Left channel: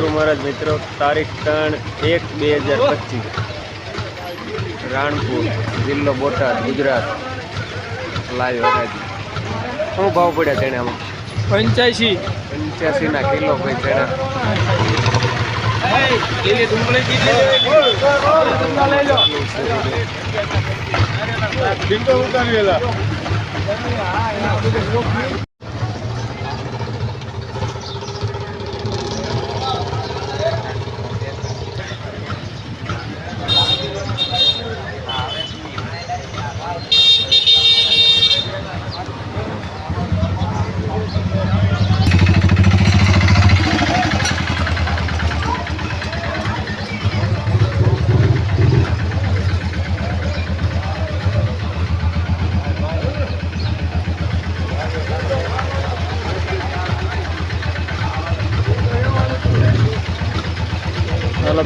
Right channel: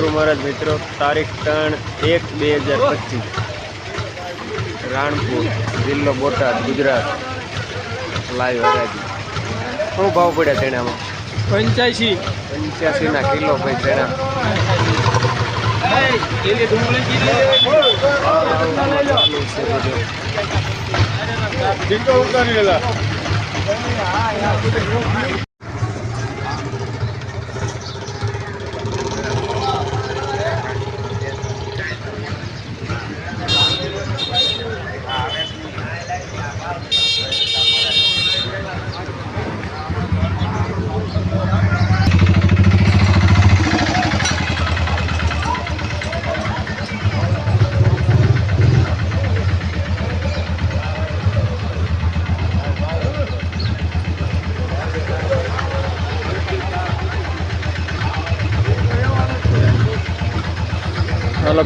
ગુરુ મહારાજ મિત્રો તારીખ ત્રણ એક બે હજાર પચીસ. રાણપુર જિલ્લો બોટાદ ગુજરાત. લાઈવ હરાજી. શું ભાવ પડ્યા તેણામાં પંચ્યાસી. ના કિલો ભાઈ તેણા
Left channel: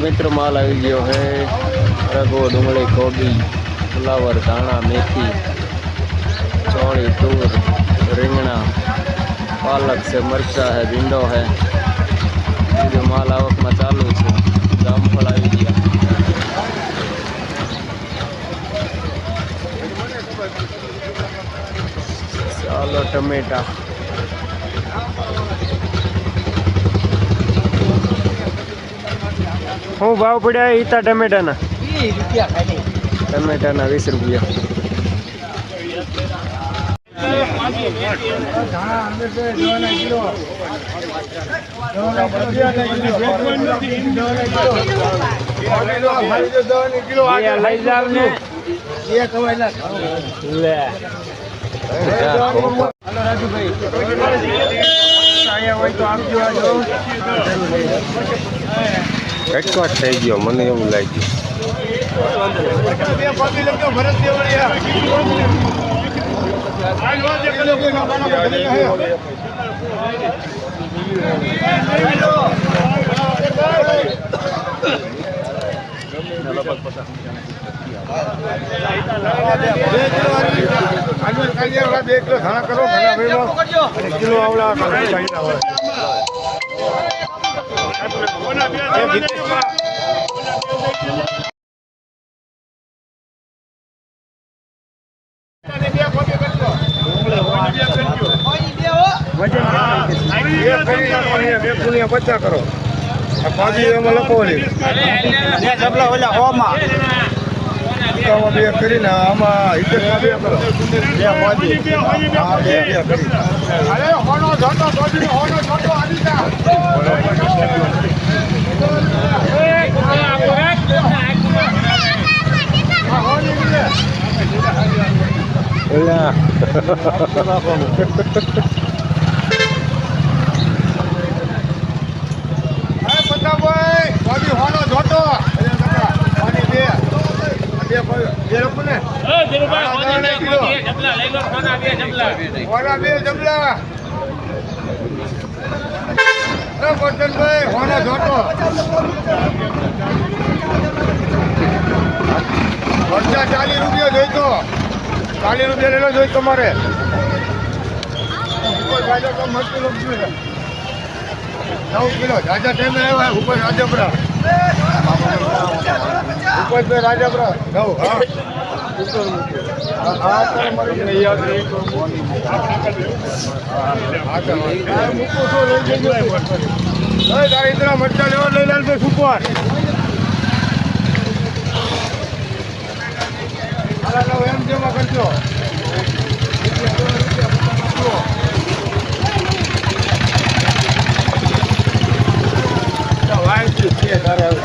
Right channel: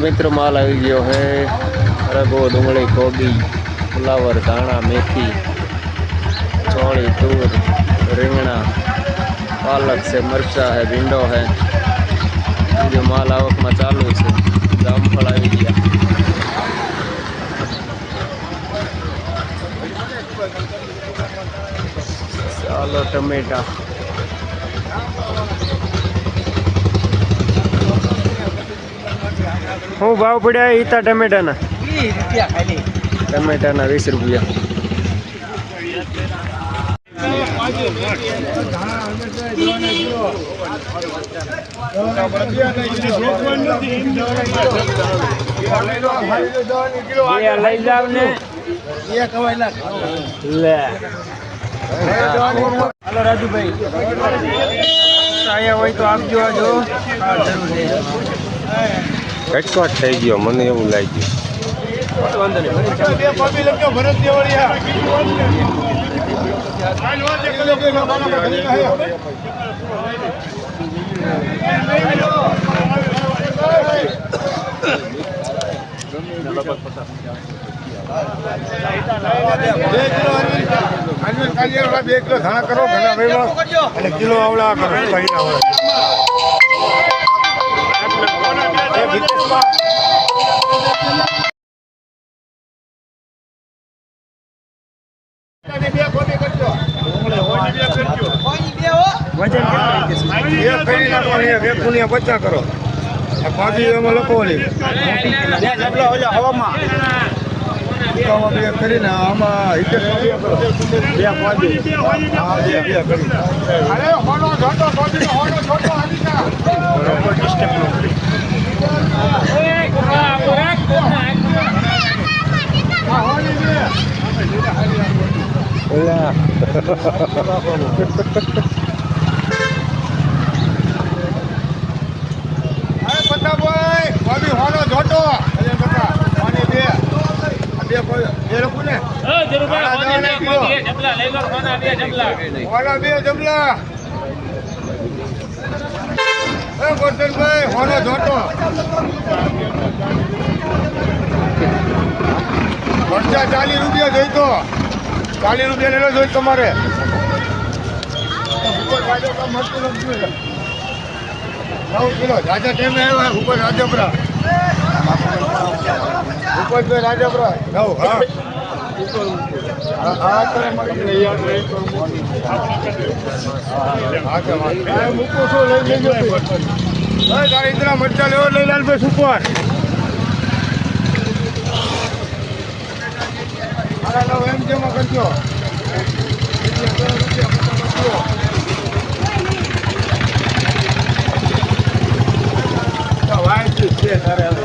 મિત્રો માલ આવી ગયો હે. રગો, ડુંગળી, કોબી, ફુલાવર, ધાણા, મેથી, ચોળી, તૂર, રીંગણા, પાલક છે, મરચા હે, ભીંડો હે. બીજો માલ આવકમાં ચાલુ છે. જામફળ આવી ગયા. ચાલો, ટમેટા. શું ભાવ પડ્યા ઈતા ટમેટાના. વીસ રૂપિયા ખાલી. ટમેટાના વીસ રૂપિયા. લઈ જાવ ને. એક હવાય લે. કટકટ થઈ ગયો મને એવું લાગ્યું. બે કિલો ધાણા કરો કિલો પચાસ કરો. આ પાછી એમાં લખવાની. આમાં બે કરીને આમાં હિતેશમાં બે કરો. હા બે બે કરી. અરે હોનો આવી હોની બે. એલા અરે પતાભાઈ ભાભી હોનો જોતો અરે કાકા હોની બે આ બે કોઈ બે લખું ને હોના બે જમલા એ ગોટનભાઈ હોના જોતો પંચા ચાલીસ રૂપિયા જોઈતો. ચાલીસ રૂપિયા લેલો જોઈ તમારે. ઉપર રાજા કામ મસ્તી લખતું નવ કિલો. જાજા ટાઈમે આવ્યા ઉપર રાજપરા ઉપર રાજપરા નવ હા હા, ઇતના મરચા લેવા લઈ લાલભાઈ સુપર એમ જમા કરજો તારે હવે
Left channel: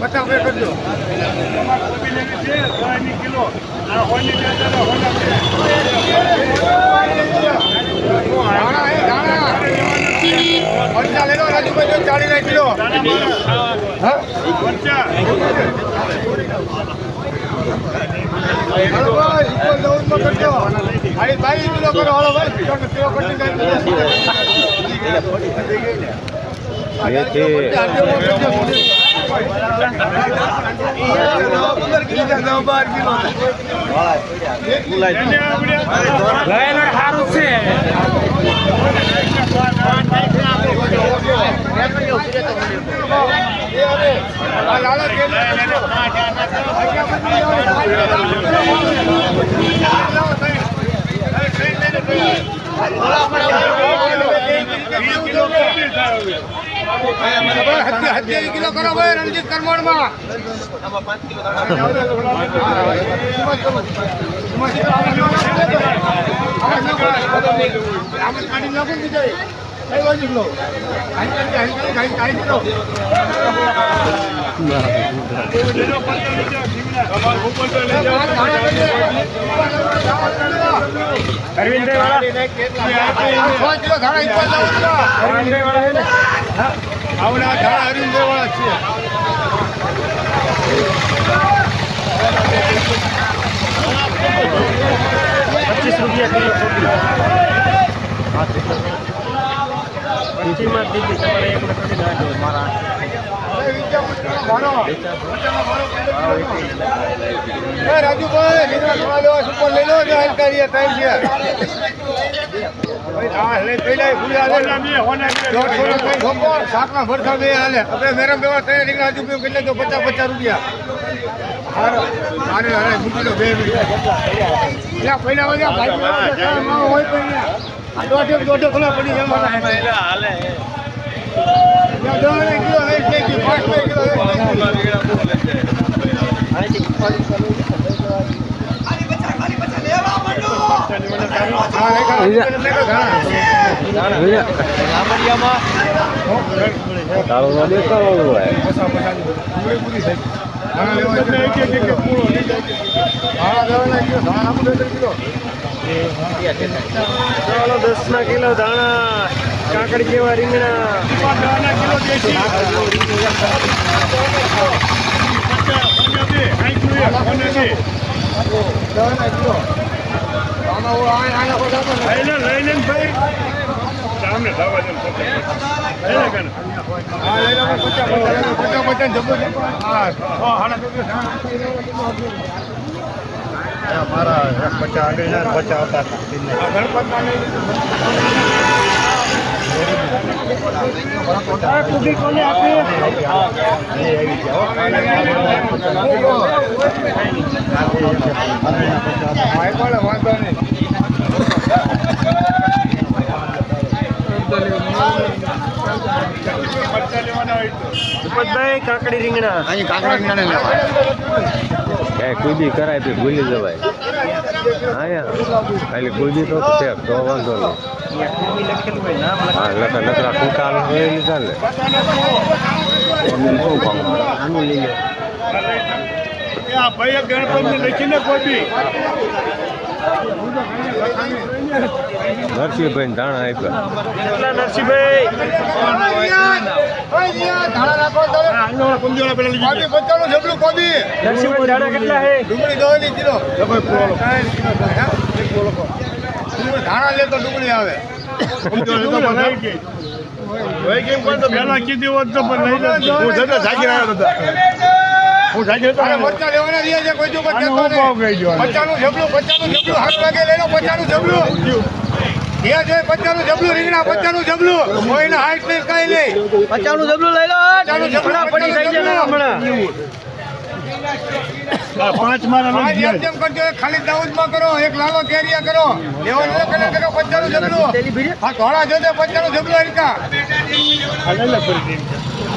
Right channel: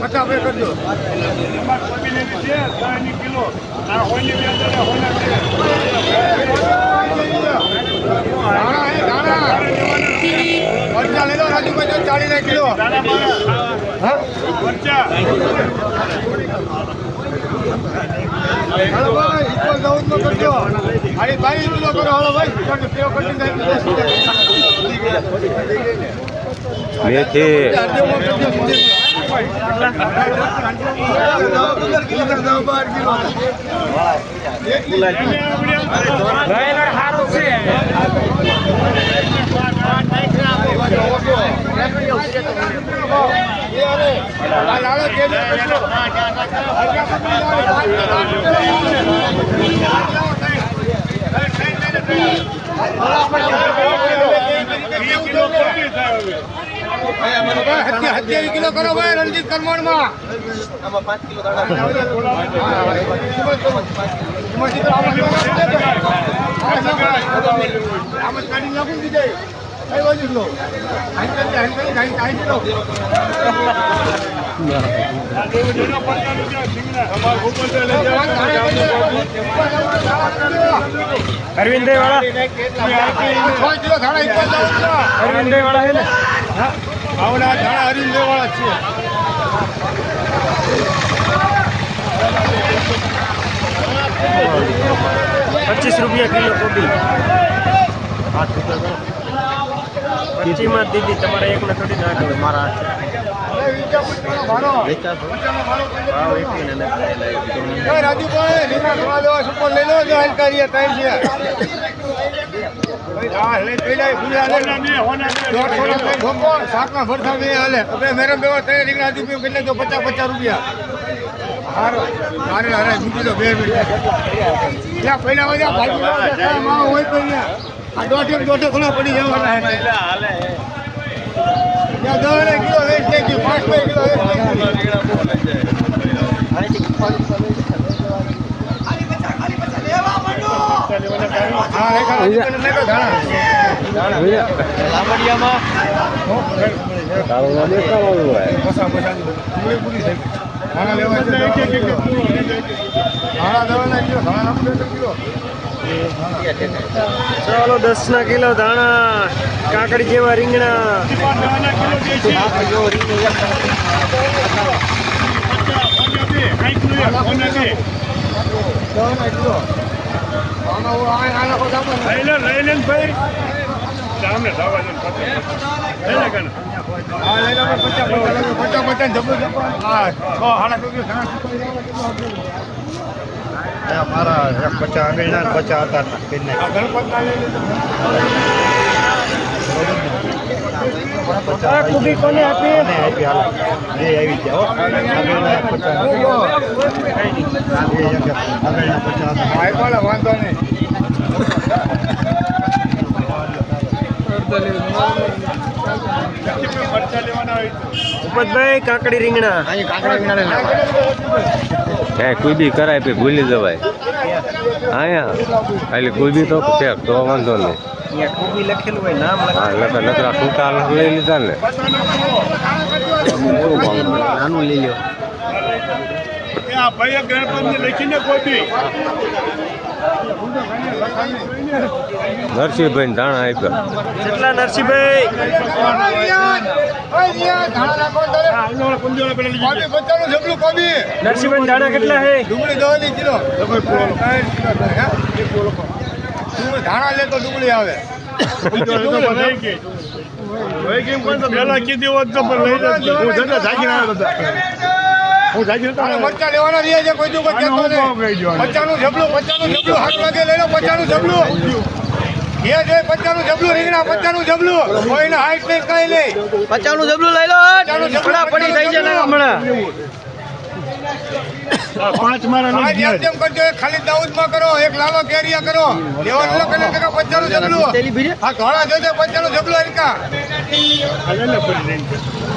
પચાસ કરજો તમારે કોબી લેવી છે ધાણા હે ધાણા મરચા લઈ લો ના કિલો મરચા હલો ભાઈ ઇક્વલ દઉદ નો કરજો ભાઈ. ભાઈ કિલો કરો હલો ભાઈ સેવ કરી આપણે વીસ કિલો કોબી થાય હવે સત્યાવીસ કિલો કરો ભાઈ રણજીત કરમણમાં આ લેવું લેજો આવડા ધાણા છે પચીસ રૂપિયા કિલો કોબી. પચીસમાં દીધી તમારે એક લખી નાખ્યો મારા રાજુભાઈ લીમડા થોડા લેવા સુપર લઈ લો જો હલકારી ત્રણ છે ભાઈ હા લઈ પેલા ભૂલ્યા લે હોના બે હોના બે દોઢસો ના ત્રણ ઠોકો શાકના ભરથા બે હાલે હવે મેરમ બેવા ત્રણ રીંગણા હજુ પીવું કેટલે જો પચાસ પચાસ રૂપિયા હારો હારે હારે મૂકી દો બે પડી જવા ત્યાં કિલો ધાણા નાખું બે કિલો ચાલો દસ ના કિલો ધાણા કાકડી જેવા રીંગણા. કિલો પચાસ પચાસ. પચાસ પચાસ મારા પચાસ પચાસ પચાસ હતા ગણપત ના લઈ કુબી વાંધો નહીં. પચીસ મરચા લેવાના હોય તો. ઉપતભાઈ કાકડી રીંગણા. ક્યાંય કુદી કરાય પછી ભૂલી જવાય. આયા. એટલે કુદી તો છે તો વાંધો નહીં. અહીંયા હા લકડા લકડા કુકા લઈ લીધા ને. ભાવ નાનું લઈ લો એ આ ભાઈ ગણપતિ લખીને કોઈ નરસિંહભાઈ ધાણા આપ્યા. કેટલા નરસિંહભાઈ? ધાણા કેટલા હે? ડુંગળી દવાની કિલો. ત્રણ કિલો થાય, હા? ડુંગળી ધાણા લે તો ડુંગળી આવે. કીધી હોત તો બધા. હું લેવાના રહ્યા છે કોઈ નહીં. જબલું પચાસનું જબલું હાથ લાગે લઈ લો પચાસનું જબલું. ત્યાં જોઈએ જબલું રીંગણા પચાસનું જબલું. કોઈને હાઈટ નહીં કઈ નહીં. પચાસનું જબલું લઈ લો પચાસનું જબલું પડી થઈ પચાસનું જાય જબલું હમણાં. પાંચ મારા લઈ જેમ કરજો ખાલી દાઉદમાં કરો એક લાલો કેરિયા કરો. લેવાનું લો કને ટકા પચાસનું જબલું. આ ઘોડા જોજો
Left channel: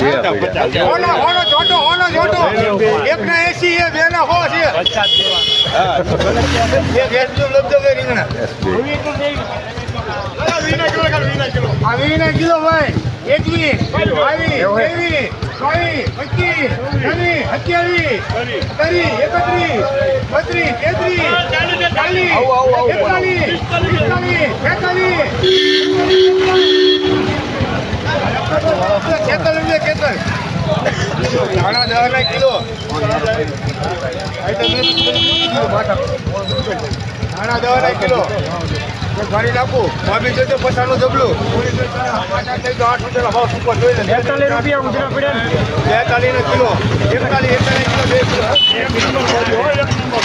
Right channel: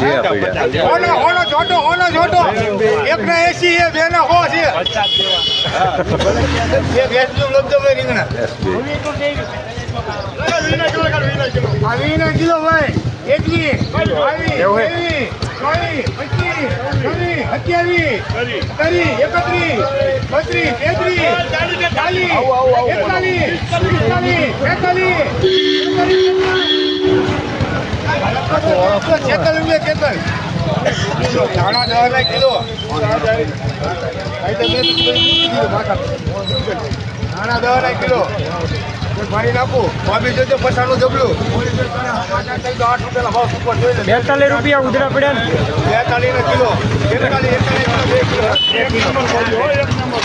ચાલેલા, ચાલેલા. પડ્યા હોનો હોનો છોટો હોનો છોટો એક ના એસી એ બે ના હો. છે એક એસી લબજો ભાઈ રીંગણા. આ વીના કિલો ભાઈ. એકત્રીસ બત્રીસ તેત્રીસ ચાલીસ એકતાલીસ છેતાલીસ રૂપિયા કેતન ધાણા દસ ના કિલો ધાણા દસ ના? કિલો ભરી નાખું ભાભી જોજો પચાસનું જબલું બેતાલીસ રૂપિયા ઉંધરા પડ્યા ને બેતાલીસ કિલો. એકતાલીસ એકતાલીસ કિલો, બે કિલો એક નંબર એક નંબર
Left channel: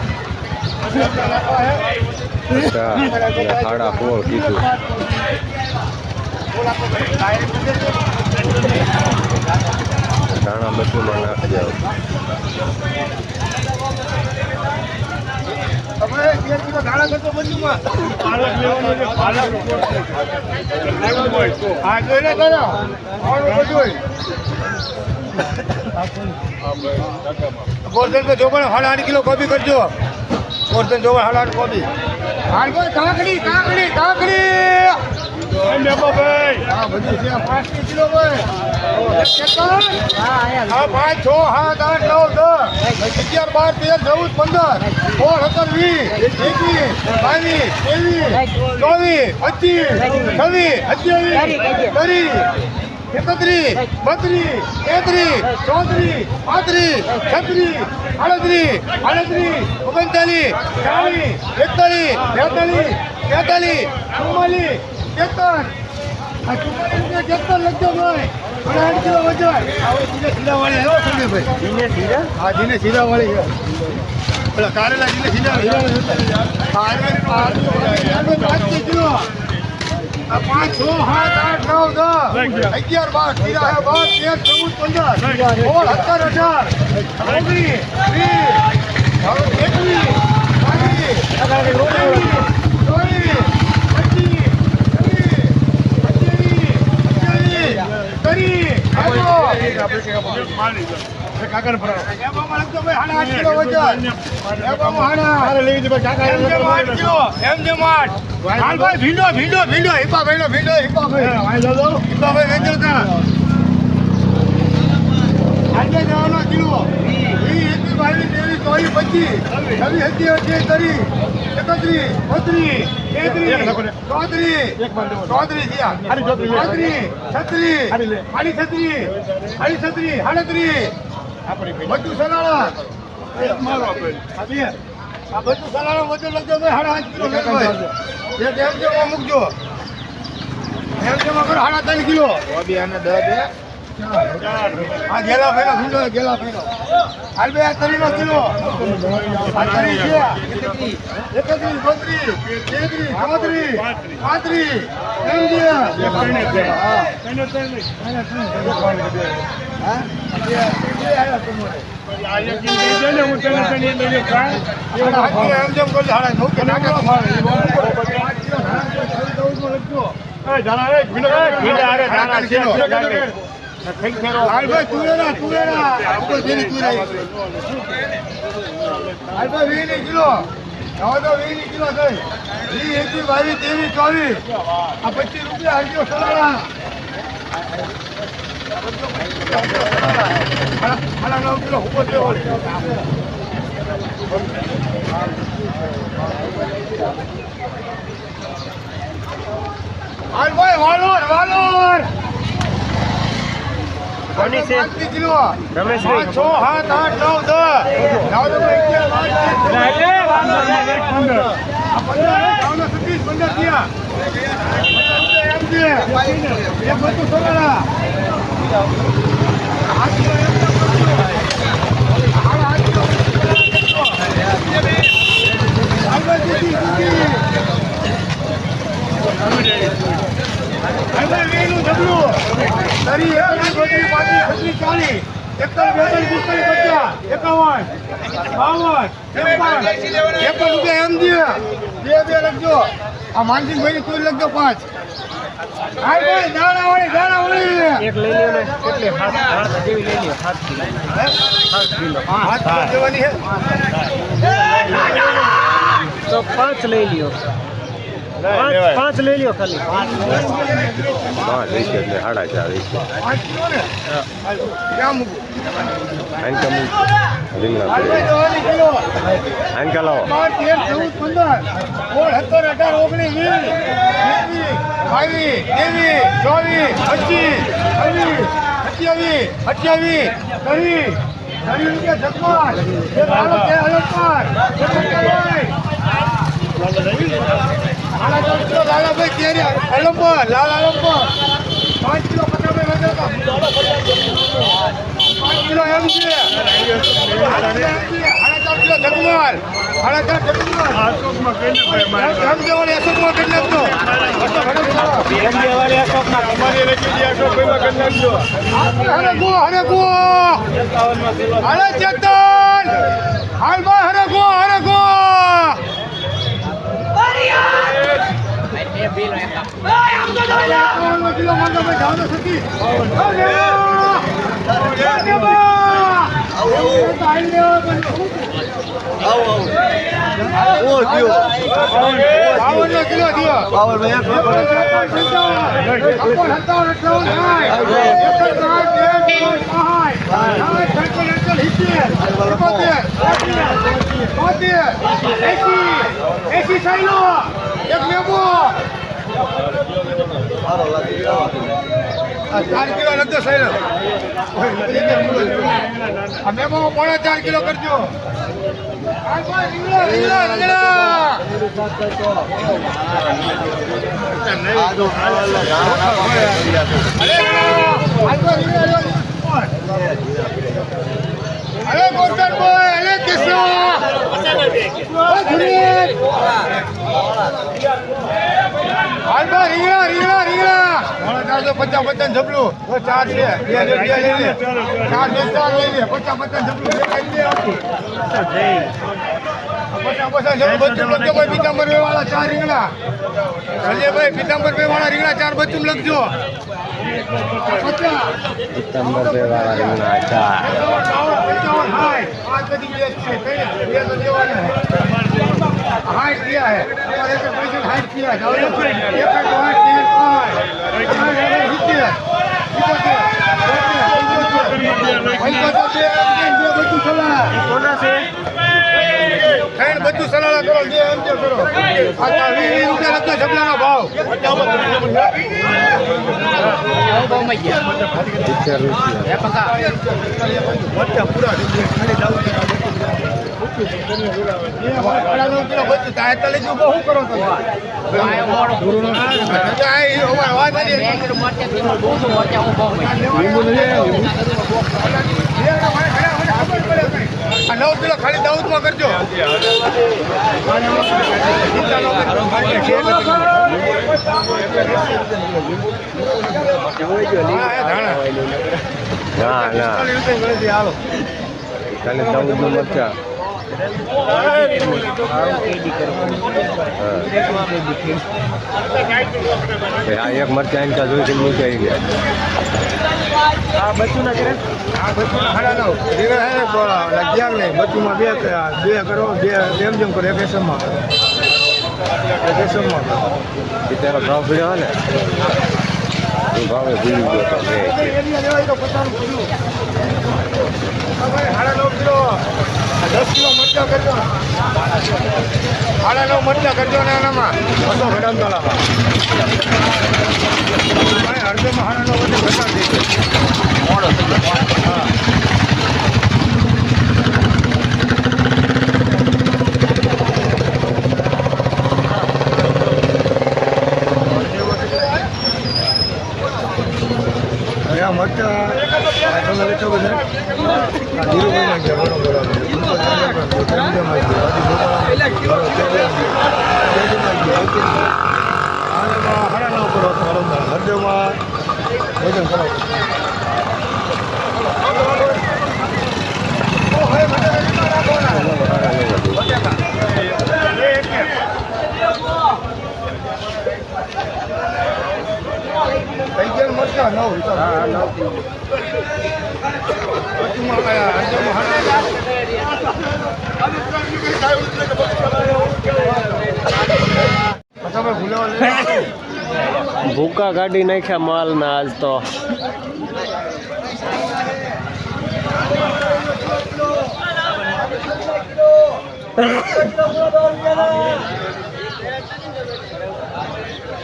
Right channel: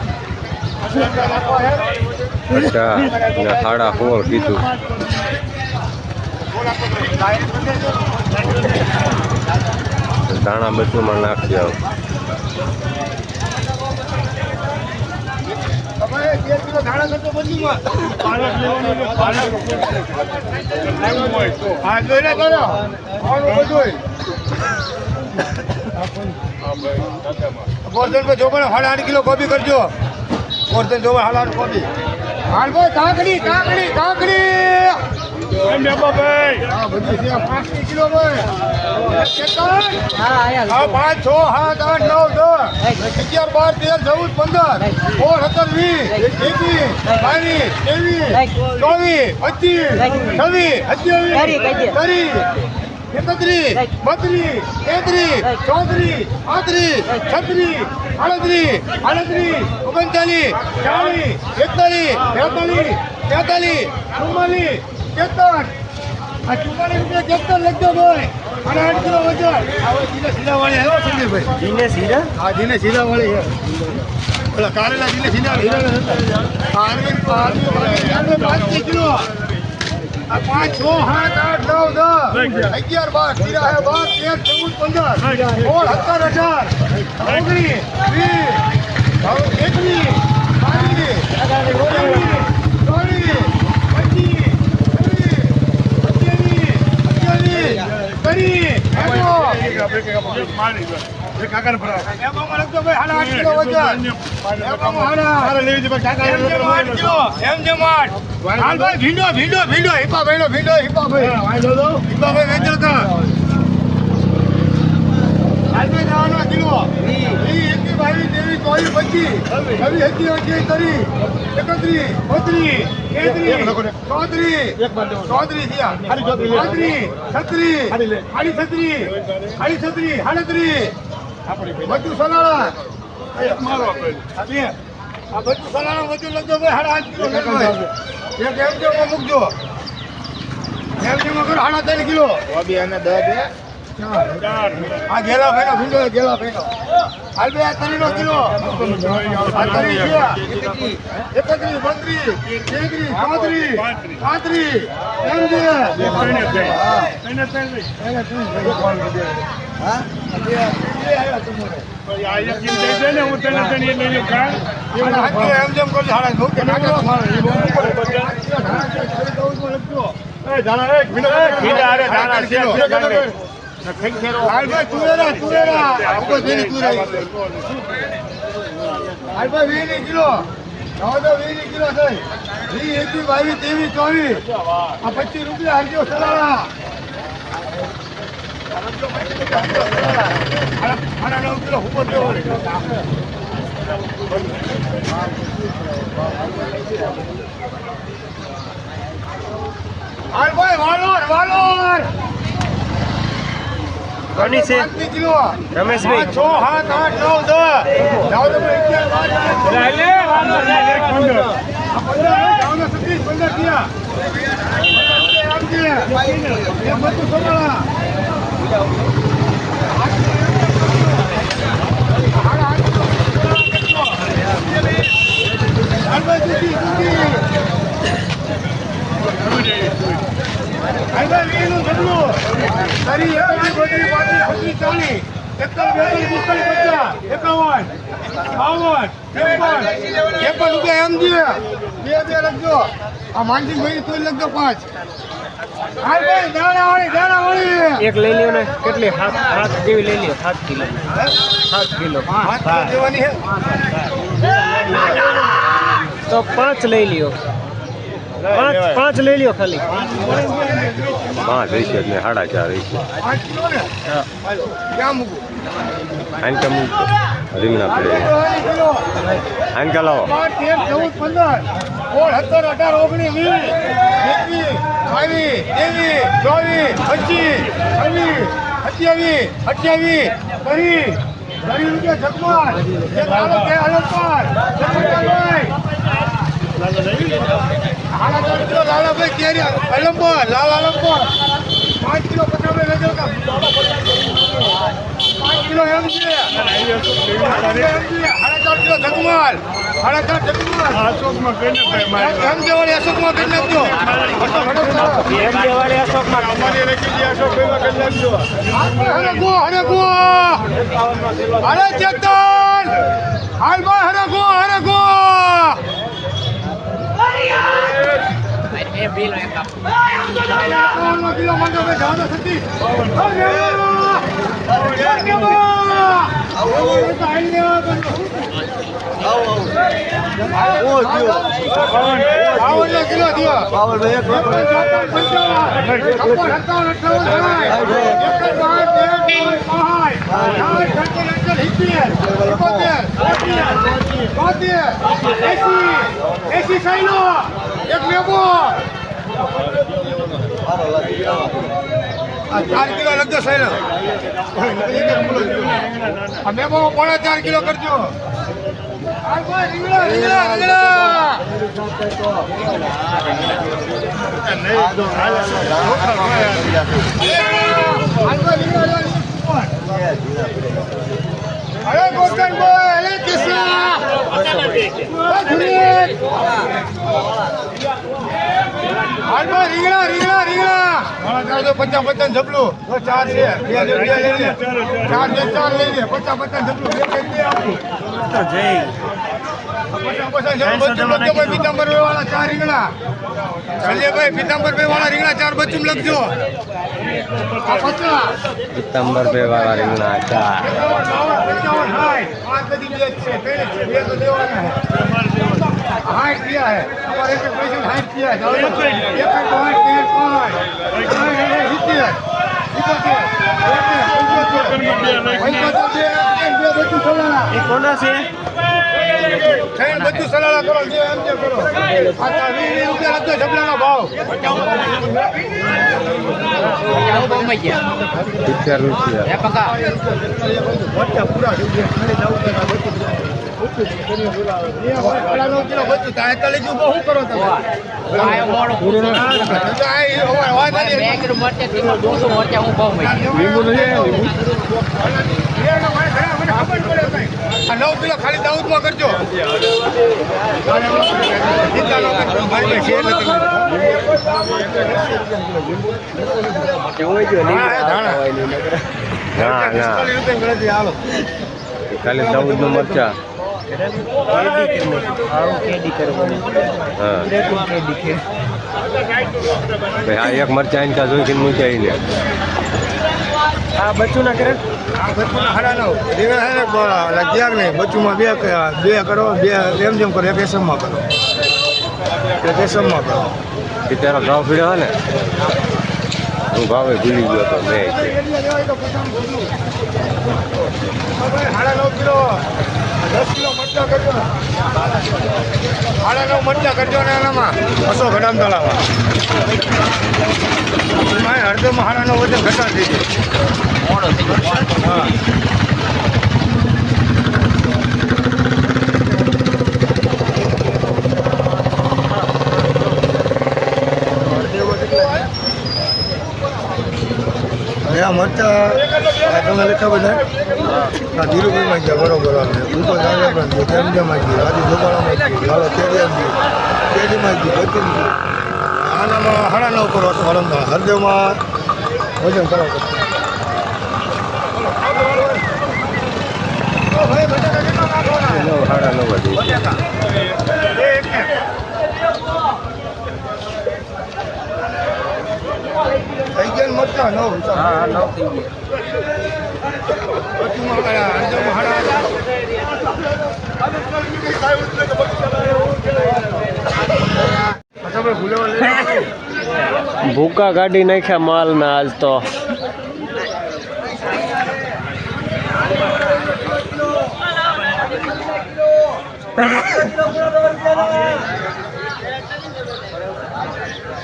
અચ્છા સાડા સોળ કીધું. દાણા બધુંમાં નાખી આવ. ગોરધન પર આઠ કિલો કોબી કરજો. ગોરધન જોવા હાડા આઠ કોબી. હાલ ભાઈ કાકડી કાકડી કાકડી એ મેબાભાઈ, હા બધી છે પાંચ કિલો ભાઈ ચેતન? હા પાંચ છ સાત આઠ નવ દસ. અગિયાર બાર તેર ચૌદ પંદર. સોળ સત્તર વીસ. એકવીસ બાવીસ ત્રેવીસ ચોવીસ પચીસ છવ્વીસ સત્યાવીસ ત્રીસ એકત્રીસ બત્રીસ તેત્રીસ ચોત્રીસ પાંત્રીસ છત્રીસ આડત્રીસ આડત્રીસ ઓગણચાલીસ ચાલીસ એકતાલીસ બેતાલીસ તેતાલીસ ચુમ્માલીસ તેતર આ ચુમ્માલીસ રૂપિયા તેતર લખજો ભાઈ. અને આઠ કિલો વજન. હવે જીને સીધા વાળી આવ્યો સંજયભાઈ. દિને સીધા હા જીને સીધા વાળી ઓલા કારેલા જીને સીધા પાંચ કિલો. પાંચ છ સાત આઠ નવ દસ. અગિયાર બાર તેરા હે બાર તેર ચૌદ પંદર. સોળ સત્તર અઢાર. ઓગણીસ વીસ. એકવીસ બાવીસ ચોવીસ પચીસ ભરાવો. એમ જેમ આઠ કિલો એમ જેમ આઠ. હાલ ભાઈ ભીંડો ભીંડો ભીંડો હિપા ભાઈનો ભીંડો હિપા ભાઈ. હિપા ભાઈ વેચો તા આજે જવાનો કિલો વી એકવી બાવીસ ત્રેવીસ ચોવીસ પચીસ. છવ્વીસ સત્યાવીસ ત્રીસ. એકત્રીસ બત્રીસ ભાઈ. બધું સલાડા મારો આપણે. આ બે. બધું સલાળા વજન લખજો ભાઈ, હાડા આઠ કિલો. એક એમ જેમાં મૂકજો એમ જેમાં કરો હાડા ત્રણ કિલો આ ગેલા ફેનો ભીંડો ગેલા હાલ બે આ તરીનો કિલો. આ તરી છે. એકત્રીસ બત્રીસ તેત્રીસ ચોત્રીસ પાંત્રીસ એમ છે ત્રણે ત્રણ નહીં. એક વાર હાલભાઈ તુરેરા તુરેરા ઉપર બેની તુરાઈ હાલભાઈ વીની કિલો હવે તો વીની કિલો. થઈ વી એકવી બાવીસ, ત્રેવીસ, ચોવીસ. આ પચીસ રૂપિયા હાલજો સલાડા. આના નવ કિલો ઉપર થયો હાલભાઈ વાલોર વાલોર. કિલો રમેશભાઈ. છ સાત આઠ નવ દસ સતીશ પંદર થયા રૂપિયા એમ છે એ બધું સોનાળા હાથમાં એમ તો કરજો. હાડા હાથમાં બધું સોનાળા કરજો. હાલભાઈ દીદી, દીદી. હાલભાઈ વેઈનું ઢગલું. તરી એકલી ગોદરી પાંત્રી છત્રીસ ચાલીસ બેતાલીસ પિસ્તાલીસ પચાસ એકાવન બાવન ત્રેપન ત્રેપન રૂપિયા એમ દે. બે બે લખજો. આ લખજો પાંચ. હાલ ભાઈ વાળી દાણા વાળી. એક લઈ લ્યો ને. કેટલી? હાથ હાથ જેવી લઈ લ્યો. સાત કિલો. સાત કિલો. હાથ તો દેવાની તો પાંચ લઈ લ્યો. પાંચ પાંચ લઈ લ્યો ખાલી. પાંચ હશે ને સાડા ચાર હશે પાંચ કિલો ને ક્યાં મૂકું? રીંગણા પડે. આંકા લાવો. પાંચ તેર ચૌદ પંદર. સોળ સત્તર અઢાર ઓગણીસ વીસ બાવીસ ત્રેવીસ ચોવીસ પચીસ છવ્વીસ સત્યાવીસ અઠ્યાવીસ ત્રીસ. ત્રીસ રૂપિયા જગમાલ એક આલો છે એક પંચાવન. કિલો કેરી અલંબર લાલ પાંચ કિલો કા પાંચ કિલો એમ છે સાડા ચાર કિલો જગમાલ સાડા ચાર જગમાલ એમ છે વાળી અશોકમાં કરી નાખજો હરે ગો હરે ગો હરે ચેતન હાલમાં હરે ગો હરે ગો એકાવનનો કિલો માંગો ભાઈ જાઓ એંસી, એંસી સાઈલો, એક મેમો. ચાર કિલો લખજો. આ મેમો પોણા ચાર કિલો કરજો. અરે. અરે ગોરધનભાઈ, અરે કિસ્સા. રીંગણા, રીંગણા, રીંગણા. મારા ચારસો પચાસ પચાસ જબલું ચાર છે બે બે લઈ લે ચાર બે ચાર લઈ લે પચાસ પચાસ જબલું બે આપું પચાસ પચાસ બચ્ચું લખજો ભાઈ પીતાંબર બે વાળા ચાર રીંગણા સંજયભાઈ પીતાંબર ભાઈ વાળા રીંગણા ચાર બચ્ચું લખજો આ બે વાળા રીંગણા ચાર પંચાવન, સાઠ. પાંચ બધી બે છે. બે તો દેવાના. સાઠ થયા છે. તમારે એક એક પૈસે સાઠ થયા છે. હવે એક એક આઠ, તેર, પાંચ. સાઠ, સાઠ, બધું સલાહ. કોના છે? બધું સલાહ કરો જે એમ કે કરો. આ તા વીસ વીસ રૂપિયા લખજો જબલાનો ભાવ. લીંબુ નથી આ નવ કિલો ખાલી દાઉદમાં કરજો. ના ના. ખાલી દાઉદનું મરચા. હા. એક મરચા મૂકી લે આ બચ્ચુંના કરે? આ બચ્ચુના સાડા નવ દિવસ હે અગિયાર નહીં. બચ્ચુમાં બે બે કરો બે જેમ જેમ કરો એક એસમમાં કરો. એક એસમમાં કરો પિત્તેરો ભાવ પીડ્યો ને હું ભાવે ભૂલી ગયો તો મેં સાડા નવ કિલો. દસ કરજો સાડા નવ કરજો ને એનામાં બસો ગ્રામ તળાવ હળદરમાં સાડા નવ વચ્ચે ઘટાડી દેજો મોડો થશે મરચા બધા કાઢી કેલેજી ગતિનજી આના હાડા નવ કરો હરદેવમાં ભજન કરવા લઈ ભૂકા કાઢી નાખ્યા માલના આજ તો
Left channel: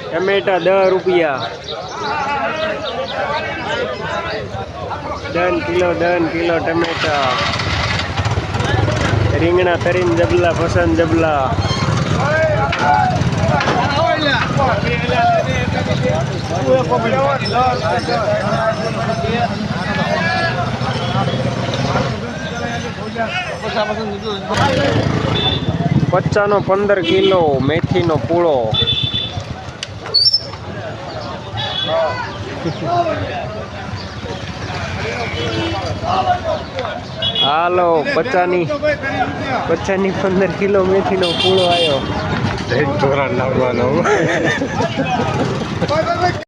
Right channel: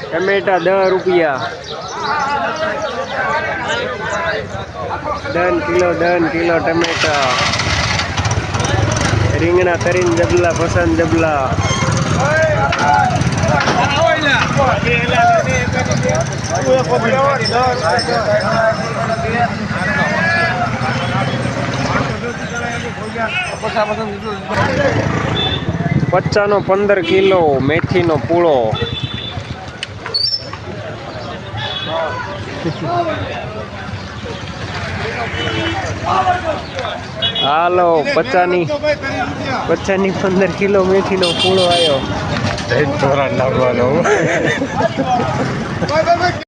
ટમેટા દસ રૂપિયા ડન કિલો ડન કિલો ટમેટા રીંગણા તરીને જબલા પસંદ જબલા પચાનો પંદર કિલો મેથીનો પૂળો. હાલો પચાની પચાની પંદર કિલો મેથીનો પૂળો આવ્યો ધોરણ લાવવાનો.